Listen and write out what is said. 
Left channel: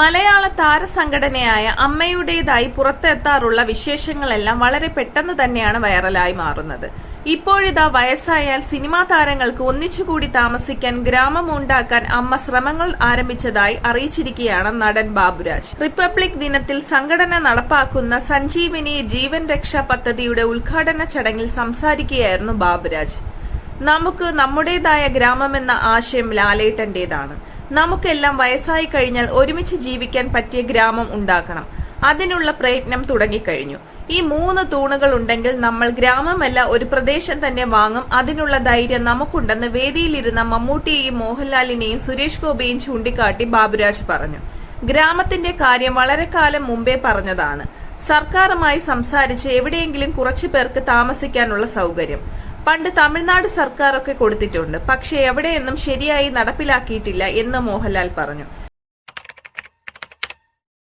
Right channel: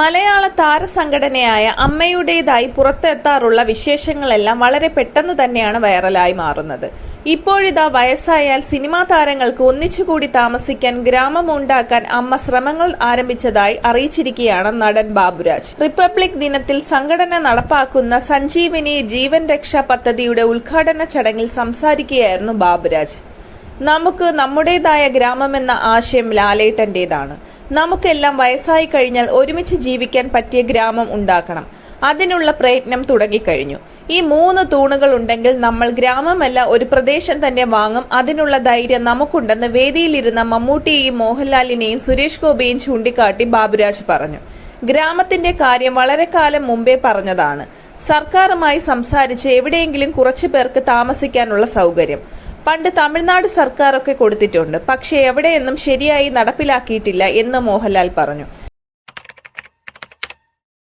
മലയാള താരസംഘടനയായ അമ്മയുടേതായി പുറത്തെത്താറുള്ള വിശേഷങ്ങളെല്ലാം വളരെ പെട്ടെന്ന് തന്നെയാണ് വൈറലായി മാറുന്നത്. ഇപ്പോഴിതാ വയസ്സായാൽ സിനിമാ താരങ്ങൾക്ക് ഒന്നിച്ചുകൂടി താമസിക്കാൻ ഗ്രാമമുണ്ടാക്കാൻ അമ്മ ശ്രമങ്ങൾ ആരംഭിച്ചതായി അറിയിച്ചിരിക്കുകയാണ് നടൻ ബാബുരാജ്. റിപ്പബ്ലിക് ദിനത്തിൽ സംഘടന നടപ്പാക്കുന്ന സഞ്ജീവനി ജീവൻ രക്ഷാ പദ്ധതിയുടെ ഉദ്ഘാടന ചടങ്ങിൽ സംസാരിക്കുകയായിരുന്നു ബാബുരാജ്. നമുക്ക് നമ്മുടേതായ ഗ്രാമമെന്ന ആശയം ലാലേട്ടന്റേതാണ്. നമുക്കെല്ലാം വയസ്സായി കഴിഞ്ഞാൽ ഒരുമിച്ച് ജീവിക്കാൻ പറ്റിയ ഗ്രാമം ഉണ്ടാക്കണം. അതിനുള്ള പ്രയത്നം തുടങ്ങിക്കഴിഞ്ഞു. ഈ 3 തൂണുകൾ ഉണ്ടെങ്കിൽ നമ്മൾ ഗ്രാമമല്ല ഒരു പ്രദേശം തന്നെ വാങ്ങും. അതിനുള്ള ധൈര്യം നമുക്കുണ്ടെന്ന് വേദിയിലിരുന്ന മമ്മൂട്ടിയെയും മോഹൻലാലിനെയും സുരേഷ് ഗോപിയെയും ചൂണ്ടിക്കാട്ടി ബാബുരാജ് പറഞ്ഞു. ഗ്രാമത്തിന്റെ കാര്യം വളരെ കാലം മുമ്പേ പറഞ്ഞതാണ്. സർക്കാരുമായി സംസാരിച്ച് എവിടെയെങ്കിലും കുറച്ചു പേർക്ക് താമസിക്കാനുള്ള സൗകര്യം പണ്ട് തമിഴ്നാട് സർക്കാരൊക്കെ കൊടുത്തിട്ടുണ്ട്. പക്ഷേ എവിടെയൊന്നും ശരിയായി നടപ്പിലാക്കിയിട്ടില്ല എന്ന് മോഹൻലാൽ പറഞ്ഞു.